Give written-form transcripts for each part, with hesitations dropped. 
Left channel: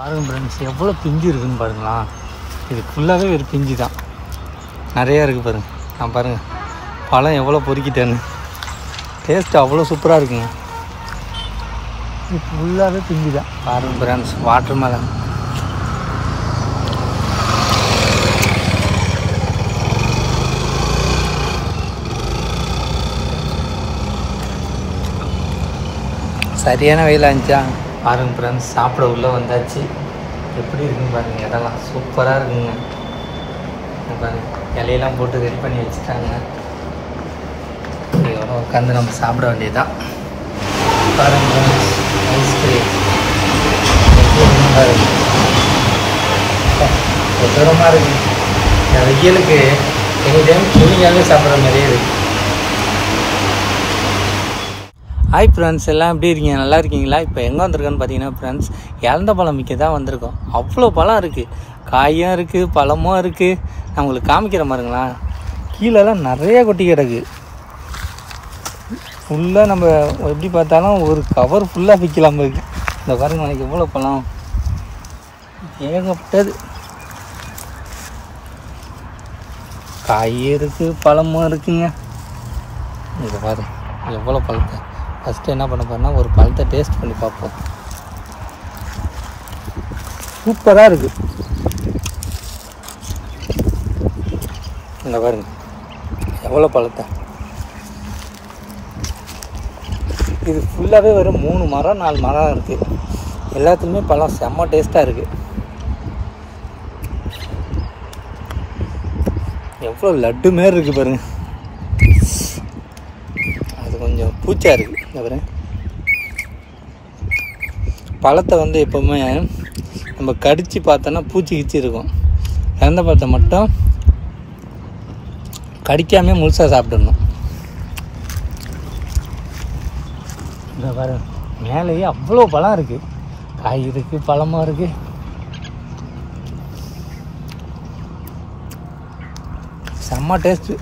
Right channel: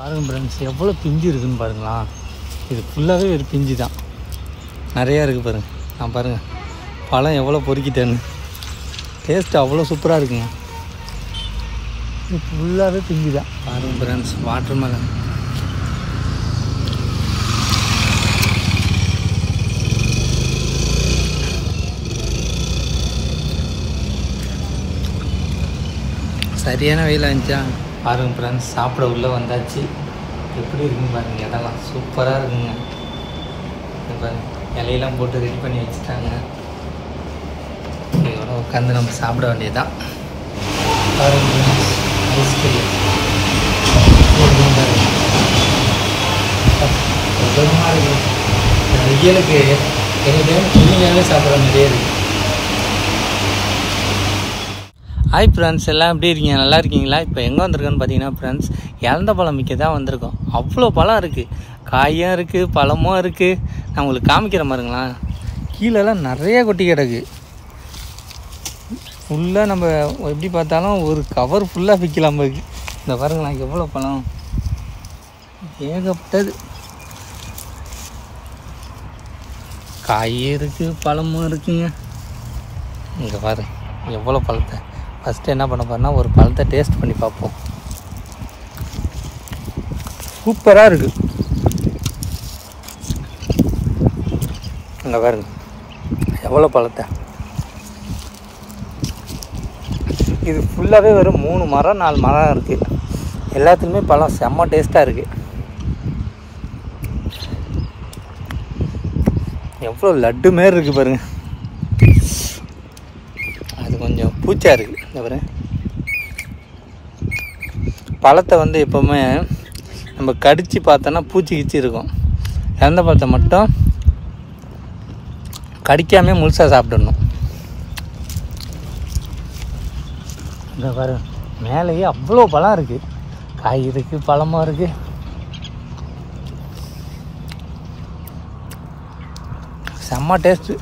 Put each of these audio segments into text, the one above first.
பாருங்கள் ஃப்ரெண்ட்ஸ், எவ்வளோ பிஞ்சு இருக்குதுன்னு பாருங்களா. இது ஃபுல்லாகவே ஒரு பிஞ்சு தான், நிறையா இருக்குது பாருங்கள். நான் பாருங்கள் பழம் எவ்வளோ பொறுக்கிட்டேன்னு. டேஸ்ட்டு அவ்வளோ சூப்பராக இருக்குங்க. இது ஃபுல்லாகவே பிஞ்சு தான். பாருங்கள் ஃப்ரெண்ட்ஸ், வாட்டர் மெலன். சரியான வெயிலாக இருந்துச்சா. பாருங்கள் ஃப்ரெண்ட்ஸ், சாப்பிட உள்ளே வந்தாச்சு. எப்படி இருக்குன்னு பாருங்கள், இடம்லாம் சூப்பராக இருக்குங்க. பாருங்கள், இலையெல்லாம் போட்டு ரெடி பண்ணி வச்சுட்டாங்க. இதோட உட்காந்து நம்ம சாப்பிட வேண்டியதுதான். பாருங்கள் ஐஸ்கிரீம் பாருங்க, தூரமாக இருக்குது. இந்த வெயிலுக்கு எனி டைம் கூலிங்காகவே சாப்பிட்ற மாதிரியே இருக்குது. ஹாய் ஃப்ரெண்ட்ஸ், எல்லாம் எப்படி இருக்கீங்க? நல்லா இருக்கீங்களா? இப்போ எங்கே வந்திருக்கோன்னு பார்த்தீங்கன்னா ஃப்ரெண்ட்ஸ், இழந்த பழம் மிக்க தான் வந்திருக்கோம். அவ்வளோ பழம் இருக்குது, காயும் இருக்குது, பழமும் இருக்குது. நான் உங்களுக்கு காமிக்கிற மாதிரிங்களா. கீழெல்லாம் நிறையா கொட்டி கிடக்கு. ஃபுல்லாக நம்ம எப்படி பார்த்தாலும் ஒரு கவர் ஃபுல்லாக விற்கலாம் போயிருக்கு. இந்த பாருங்களா, எவ்வளோ பழம், ஏகப்பட்டது. காயும் இருக்குது, பழமும் இருக்குங்க. இங்கே பாருங்க எவ்வளோ பழத்தை. ஃபஸ்ட்டு என்ன பண்ண போறோம்னா, ஒரு பழத்தை டேஸ்ட் பண்ணி பார்ப்போம். சூப்பராக இருக்குது. இங்கே பாருங்க எவ்வளோ பழத்தை. இது ஃபுல்லாகவே ஒரு 3 மரம் 4 மரம் இருக்குது. எல்லாத்துக்குமே பழம் செம்ம டேஸ்ட்டாக இருக்குது. எவ்வளோ லட்டு மாரி இருக்குது பாருங்க. அது கொஞ்சம் பூச்சா இருக்குது. இந்த பாருங்க, பழத்தை வந்து எப்போவுமே நம்ம கடித்து பார்த்தோன்னா பூச்சி கிச்சி இருக்கும். இறந்த பழத்தை மட்டும் கடிக்காமே முழுசாக சாப்பிடணும். இந்த பாருங்க, மேலேயே அவ்வளோ பழம் இருக்குது. காய் இருக்குது, பழமும் இருக்குது. செம்ம டேஸ்ட்டு.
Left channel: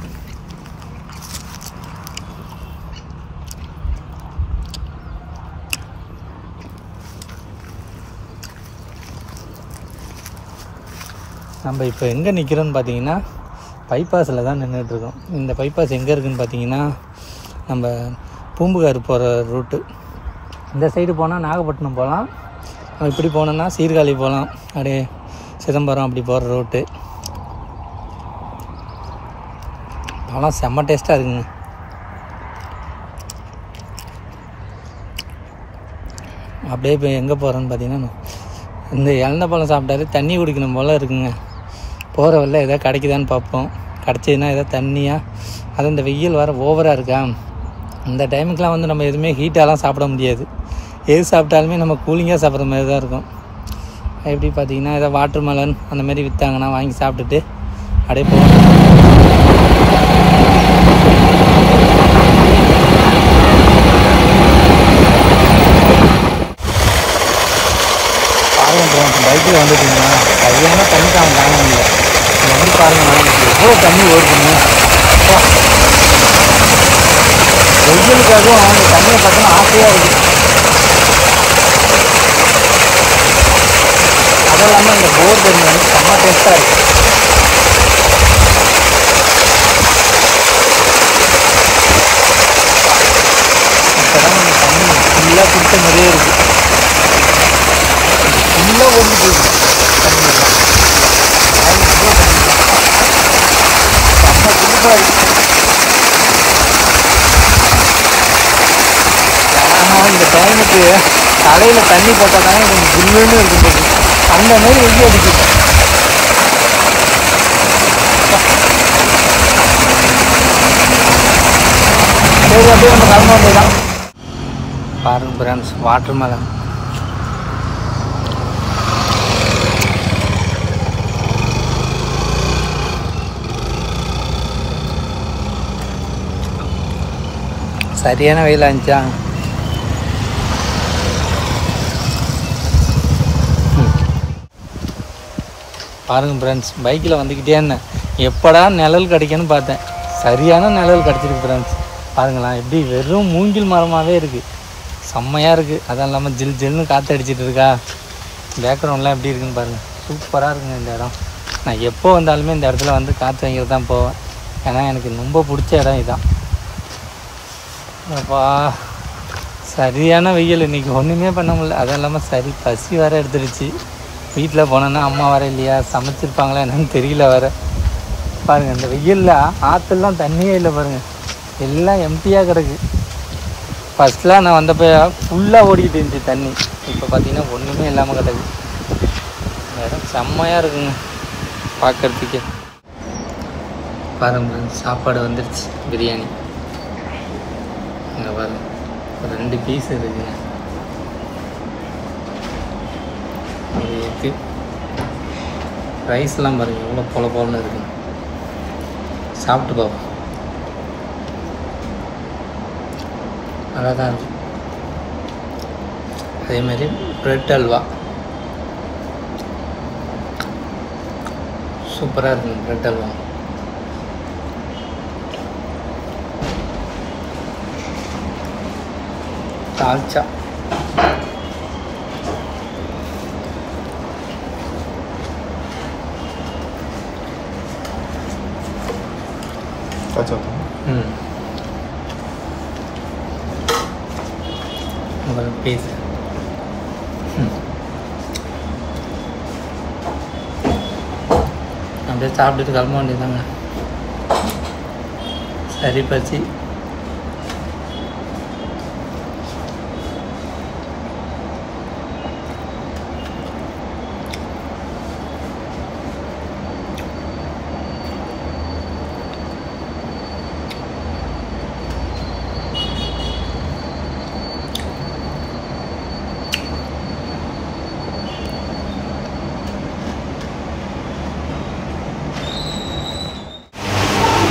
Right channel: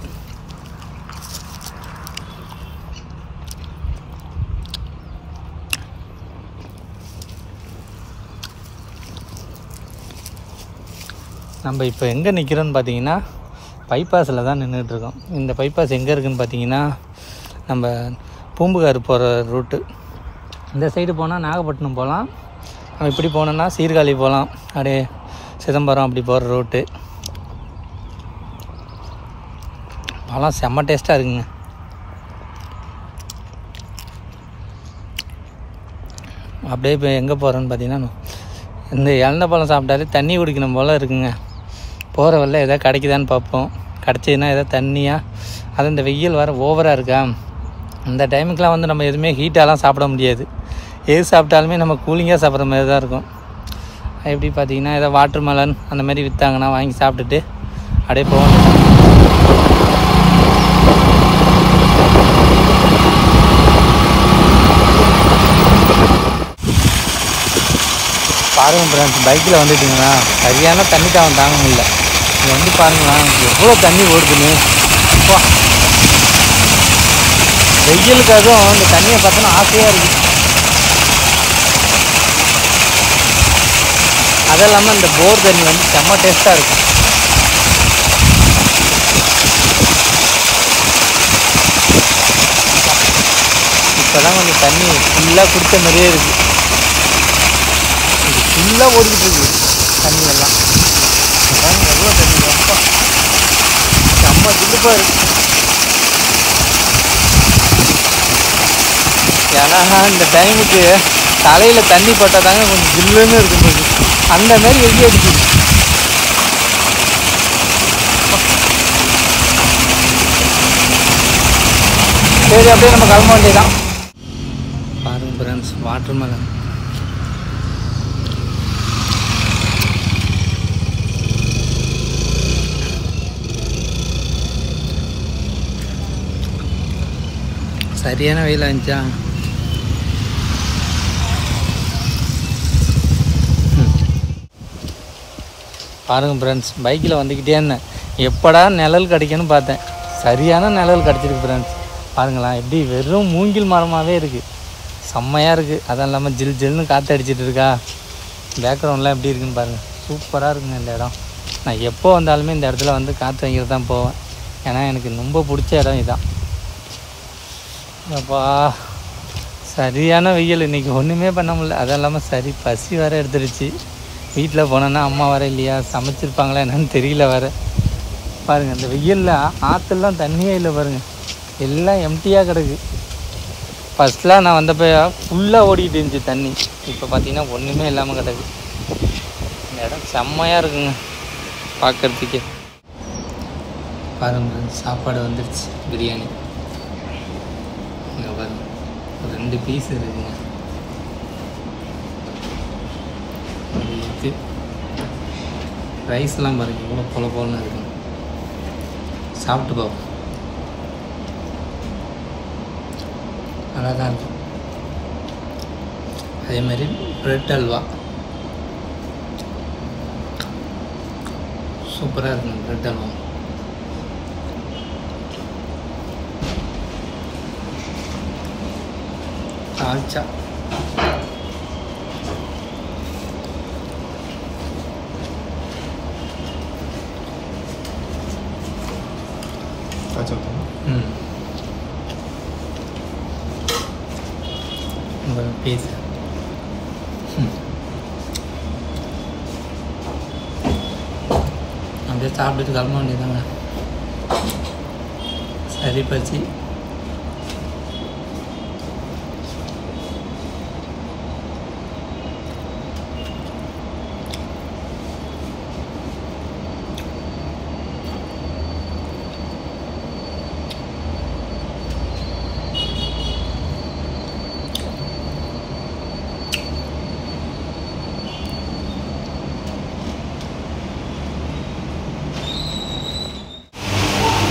நம்ம இப்போ எங்கே நிற்கிறோன்னு பார்த்தீங்கன்னா, பைபாஸில் தான் நின்றுட்டுருக்கோம். இந்த பைபாஸ் எங்கே இருக்குதுன்னு பார்த்தீங்கன்னா, நம்ம பூம்புகார் போகிற ரூட்டு. இந்த சைடு போனால் நாகப்பட்டினம் போகலாம், நம்ம இப்படி போனோன்னா சீர்காழி போகலாம், அப்படியே சிதம்பரம் அப்படி போகிற ரூட்டு. பழம் செம்ம டேஸ்ட்டாக இருக்குங்க. அப்படியே இப்போ எங்கே போகிறோன்னு பார்த்தீங்கன்னா, இந்த இழந்த பழம் சாப்பிட்டாலே தண்ணி குடிக்கணும் போல் இருக்குங்க. போகிற வரல எதாவது கிடைக்குதான்னு பார்ப்போம். கிடச்சிதுன்னா எதாவது தண்ணியாக. அது இந்த வெயில் வர ஓவராக இருக்கா, இந்த டைமுக்கெலாம் வந்து நம்ம எதுவுமே ஹீட்டாலாம் சாப்பிட முடியாது. எது சாப்பிட்டாலுமே நம்ம கூலிங்காக சாப்பிட்ற மாதிரி தான் இருக்கும். எப்படி பார்த்தீங்கன்னா, எதாவது வாட்டர் மெலன் அந்த மாதிரி விற்றாங்கன்னா வாங்கி சாப்பிட்டுட்டு அப்படியே போகணும். பாருங்கள் ஃப்ரெண்ட்ஸ், பைக்கில் வந்துட்டிங்கன்னா சரியான தண்ணி தாங்க முடியல. இங்கே வந்து பாருங்களா, எவ்வளோ தண்ணி ஓடுதுன்னு. வெயிலுக்காகவும் அந்த தண்ணியை பார்த்தோன்னா ஆசையாக இருக்குது. அது இல்லாமல் இந்த போர் தண்ணி வந்து செம்ம டேஸ்ட்டாக இருக்கும். இப்போ தான் அந்த தண்ணி ஃபுல்லாக குடித்த மாதிரியே இருக்குது. ஃபுல்லாக ஓடிட்டு போகுது தண்ணியெல்லாம். எவ்வளோ தண்ணி செம்ம துடுப்பாக இருக்கு. ஏன்னா இந்த டைமுக்கு தலையில் தண்ணி போட்டால் தாங்க கொஞ்சம் ஜில்லுன்னு இருக்கும்போது அந்த மாரி வெயில் அடிக்குது. சரி, அப்படியே நம்ம கிளம்ப வேண்டியதான். பாருங்க ஃப்ரெண்ட்ஸ், வாட்டர் மெலன். சரியான வெயிலாக இருந்துச்சா. பாருங்கள் ஃப்ரெண்ட்ஸ், பைக்கில் வந்துக்கிட்டே இருந்தேன், எப்படா நிழல் கிடைக்குன்னு பார்த்தேன். சரியான நிழல் கிடச்சிருக்கு ஃப்ரெண்ட்ஸ். பாருங்களா, எப்படி வெறும் மூங்கில் மரமாகவே இருக்குது. செம்மையாக இருக்குது. அதுவும் இல்லாமல் ஜில் ஜில்னு காற்று அடிச்சிட்டு இருக்கா. பேக்ரவுண்ட்லாம் எப்படி இருக்குன்னு பாருங்கள், சூப்பராக இருக்குங்க இந்த இடம். நான் எப்போ வந்தாலுமே இந்த இடத்துல வந்து காற்று வாங்கிட்டு தான் போவேன். ஏன்னா எனக்கு ரொம்ப பிடிச்ச இடம் இதான். அப்பா சரியான வெயில், இன்றைக்கி ஒன்றுமே பண்ண முடியல. அதுவும் இல்லாமல் சரி பசி வேறு எடுத்துருச்சு. வீட்டில் போனோன்னா அம்மா வர இல்லையா, சமைச்சிருப்பாங்களா என்னன்னு தெரியல வேறு. பாருங்கள் இந்த வெயிலில் ஆற்றுலாம் தண்ணியே இல்லை பாருங்கள், எல்லாம் எம்டியாக கிடக்கு. ஃபஸ்ட்லாம் நான் வந்தப்போ ஃபுல்லாக ஓடிக்கிட்டு இருந்துச்சு தண்ணி. இப்போ பார்த்தீங்கன்னா ஒன்றுமே இல்லாமல் கிடக்கு. இந்த இடம் செம்மையாக இருக்குங்க பார்க்குறதுக்கே. பாருங்க சாப்பாடு வந்துருச்சு, பிரியாணி. இங்கே பாருங்க 2 பீஸ் இருக்குங்க, ஒரு எக்கு. ரைஸ்லாம் பாருங்கள் எவ்வளோ பொல பொலன்னு இருக்குங்க. சாப்பிட்டு பார்ப்போம், நல்லா தான் இருக்கும். அதேமாதிரி ப்ரெட் அல்வா சூப்பராக இருக்குங்க. Bread halwa dalcha piece. அப்படியே சாப்பிட்டுட்டு கிளம்ப வேண்டியதாங்க. சரி பசி.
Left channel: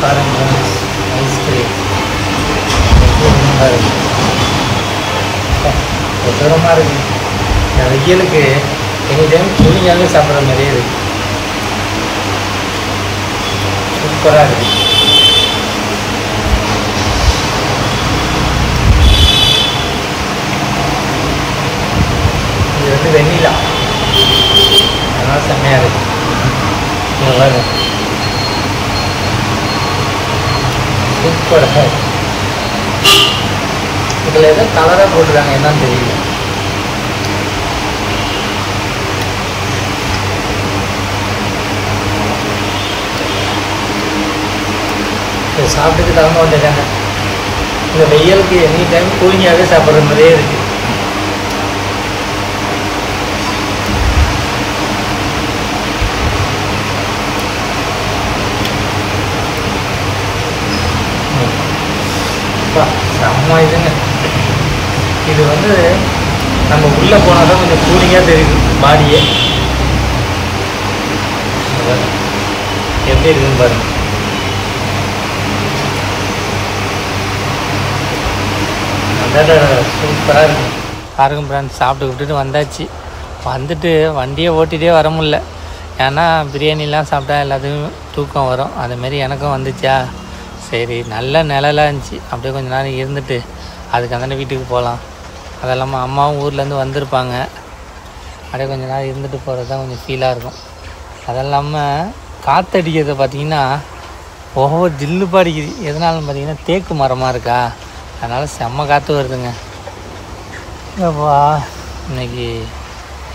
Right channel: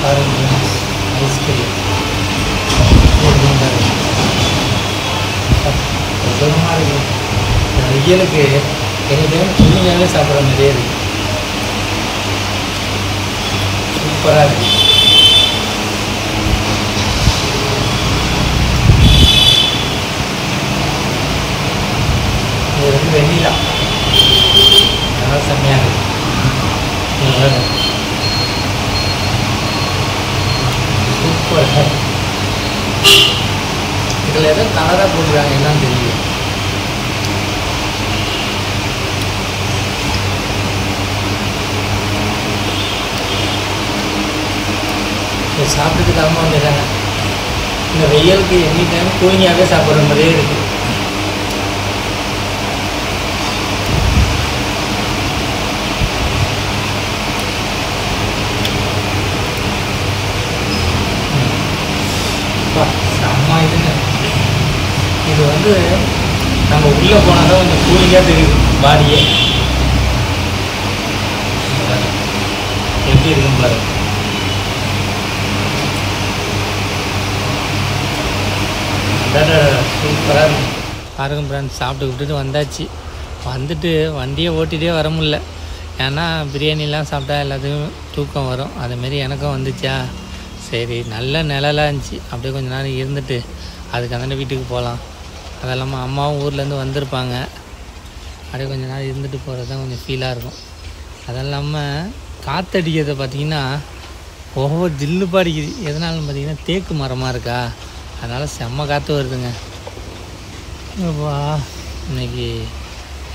பாருங்க ஐஸ்கிரீம் பாருங்க, தூரமாக இருக்கு. இந்த வெயிலுக்கு எனி டைம் கூலிங்காகவே சாப்பிட்ற மாதிரியே இருக்கு. சூப்பராக இருக்கு. இது வந்து வெண்ணிலா, அதனால செம்மையாக இருக்கு. இங்கே பாருங்க சூப்பராக. இதில் எதோ கலராக போட்டுருக்காங்க, என்னன்னு தெரியல. சாப்பிட்டுட்டு கிளம்ப வந்துட்டாங்க. இந்த வெயிலுக்கு எனி டைம் கூலிங்காகவே சாப்பிட்ற மாதிரியே இருக்கு. செம்ம இதுங்க. இது வந்து நம்ம உள்ளே போனால் தான் கொஞ்சம் கூலிங்காக தெரியுது பாடியே. எப்படி இருக்குன்னு பாருங்க. சூப்பராக இருக்கு. பாருங்க ஃப்ரெண்ட்ஸ், சாப்பிட்டு விட்டுட்டு வந்தாச்சு. வந்துட்டு வண்டியை ஓட்டிகிட்டே வர முடியல. ஏன்னா பிரியாணிலாம் சாப்பிட்டா எல்லாத்துக்கும் தூக்கம் வரும். அதுமாரி எனக்கும் வந்துச்சா, சரி நல்ல நிழலாக இருந்துச்சு. அப்படியே கொஞ்சம் நேரம் இருந்துட்டு அதுக்கு அந்த வீட்டுக்கு போகலாம். அது இல்லாமல் அம்மாவும் ஊர்லேருந்து வந்திருப்பாங்க. அப்படியே கொஞ்சம் நேரம் இருந்துட்டு போகிறது தான் கொஞ்சம் ஃபீலாக இருக்கும். அது இல்லாமல் காற்றடிக்கிறத பார்த்திங்கன்னா ஒவ்வொரு ஜில்லுப்பாக அடிக்குது. எதனாலும் பார்த்திங்கன்னா தேக்கு மரமாக இருக்கா, அதனால் செம்ம காற்று வருதுங்க. அப்பா இன்னைக்கு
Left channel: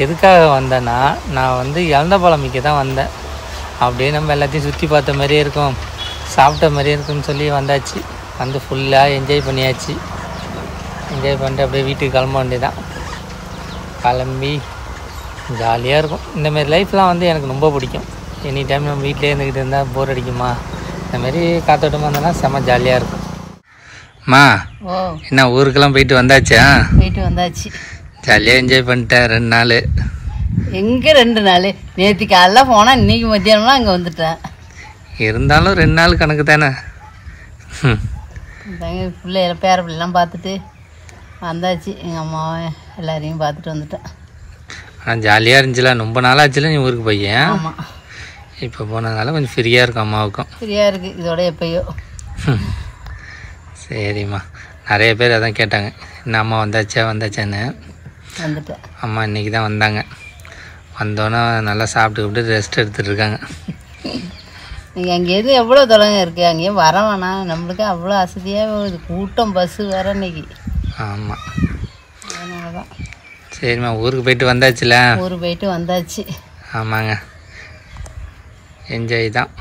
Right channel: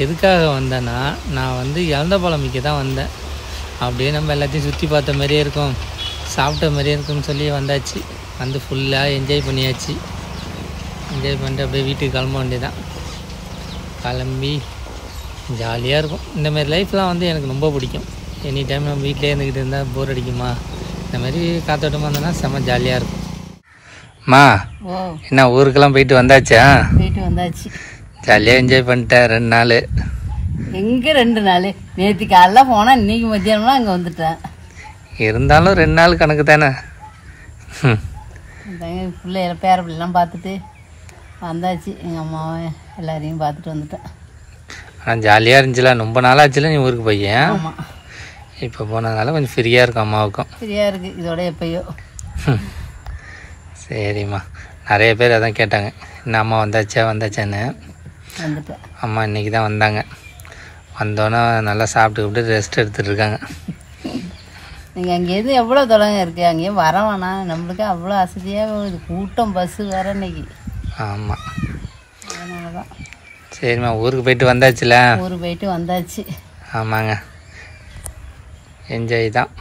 எதுக்காக வந்தேன்னா, நான் வந்து இழந்த பழம் மிக்க தான் வந்தேன். அப்படியே நம்ம எல்லாத்தையும் சுற்றி பார்த்த மாதிரியே இருக்கும், சாப்பிட்ட மாதிரியே இருக்குன்னு சொல்லி வந்தாச்சு. வந்து ஃபுல்லாக என்ஜாய் பண்ணியாச்சு. என்ஜாய் பண்ணிட்டு அப்படியே வீட்டுக்கு கிளம்ப வேண்டியதான். கிளம்பி ஜாலியாக இருக்கும். இந்தமாரி லைஃப்லாம் வந்து எனக்கு ரொம்ப பிடிக்கும். எனி டைம் நம்ம வீட்டிலே இருந்துக்கிட்டு இருந்தால் போர் அடிக்குமா, இந்தமாரி காத்தோட்டமாக இருந்தோன்னா செம்ம ஜாலியாக இருக்கும். மா என்ன ஊருக்கெல்லாம் போயிட்டு வந்தாச்சா? போயிட்டு வந்தாச்சு. ஜாலியாக என்ஜாய் பண்ணிட்டேன் 2 நாள். எங்கே 2 நாள்? நேற்று காலைல போனால் இன்றைக்கி மத்தியானம்லாம் அங்கே வந்துட்டேன். இருந்தாலும் 2 நாள் கணக்கு தானே. பிள்ளைகளை பேர பிள்ளைலாம் பார்த்துட்டு வந்தாச்சு. எங்கள் அம்மாவை எல்லாரையும் பார்த்துட்டு வந்துட்டேன். ஆனால் ஜாலியாக இருந்துச்சுல, ரொம்ப நாள் ஆச்சுல நீ ஊருக்கு பையன். ஆமாம், இப்போ போனதுனால கொஞ்சம் ஃப்ரீயாக இருக்கும் அம்மாவுக்கும். ஃப்ரீயாக இருக்குது இதோட எப்பயோ. சரிம்மா, நிறைய பேர் அதான் கேட்டாங்க, என்ன அம்மா வந்தாச்சான்னு. வந்துட்டேன். அம்மா இன்றைக்கி தான் வந்தாங்க. வந்தோன்னே நல்லா சாப்பிட்டு ரெஸ்ட் எடுத்துகிட்டு இருக்காங்க. நீங்கள் அங்கேருந்து எவ்வளோ தொலைங்க இருக்குது, அங்கேயும் வர வேணாம், நம்மளுக்கு அவ்வளோ அசதியாக போகுது, கூட்டம் பஸ்ஸு வேறு இன்னைக்கு. ஆமாம், அதனால தான். சரிம்மா, ஊருக்கு போயிட்டு வந்தாச்சுல? ஊருக்கு போயிட்டு வந்தாச்சு. ஆமாங்க, என்ஜாய் தான்.